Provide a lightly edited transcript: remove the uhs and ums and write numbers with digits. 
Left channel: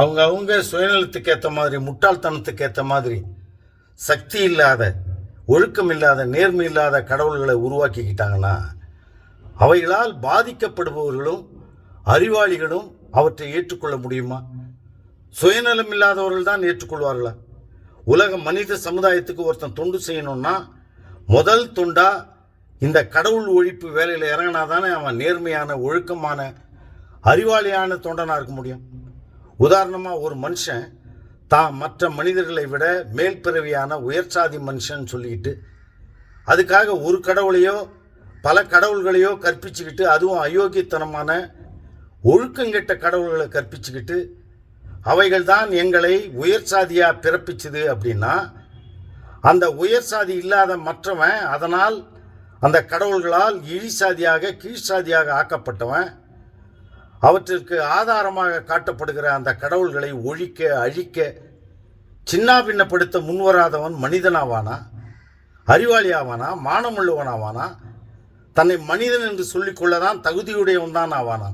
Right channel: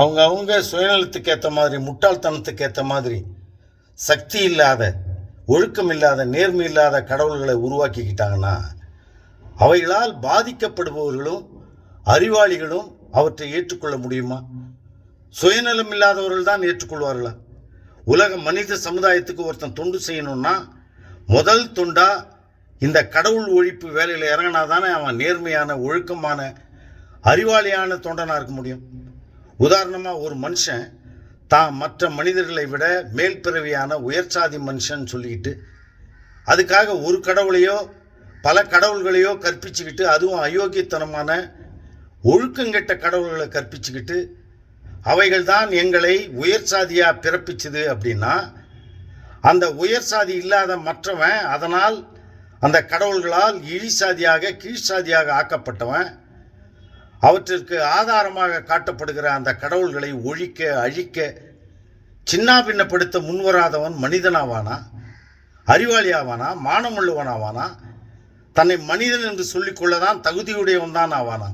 அவங்க சுயநலத்துக்கு ஏற்ற மாதிரி, முட்டாள்தனத்துக்கு ஏற்ற மாதிரி சக்தி இல்லாத, ஒழுக்கம் இல்லாத, நேர்மை இல்லாத கடவுள்களை உருவாக்கிக்கிட்டாங்கன்னா அவைகளால் பாதிக்கப்படுபவர்களும் அறிவாளிகளும் அவற்றை ஏற்றுக்கொள்ள முடியுமா? சுயநலம் இல்லாதவர்கள் தான் ஏற்றுக்கொள்வார்களா? உலக மனித சமுதாயத்துக்கு ஒருத்தன் தொண்டு செய்யணும்னா முதல் தொண்டா இந்த கடவுள் ஒழிப்பு வேலையில் இறங்கினாதானே அவன் நேர்மையான, ஒழுக்கமான, அறிவாளியான தொண்டனாக இருக்க முடியும். உதாரணமாக, ஒரு மனுஷன் தான் மற்ற மனிதர்களை விட மேல் பிறவியான உயர்சாதி மனுஷன் சொல்லிக்கிட்டு அதுக்காக ஒரு கடவுளையோ பல கடவுள்களையோ கற்பிச்சுக்கிட்டு, அதுவும் அயோக்கியத்தனமான ஒழுக்கங்கெட்ட கடவுள்களை கற்பிச்சுக்கிட்டு அவைகள் தான் எங்களை உயர் சாதியாக பிறப்பிச்சுது அப்படின்னா, அந்த உயர் சாதி இல்லாத மற்றவன் அதனால் அந்த கடவுள்களால் இழி சாதியாக, கீழ் சாதியாக ஆக்கப்பட்டவன், அவற்றிற்கு ஆதாரமாக காட்டப்படுகிற அந்த கடவுள்களை ஒழிக்க, அழிக்க, சின்னாபின்னப்படுத்த முன்வராதவன் மனிதனாவானா? அறிவாளியாவானா? மானமுள்ளவனாவானா? தன்னை மனிதன் என்று சொல்லிக்கொள்ளதான் தகுதியுடையவன் தான் ஆவானா?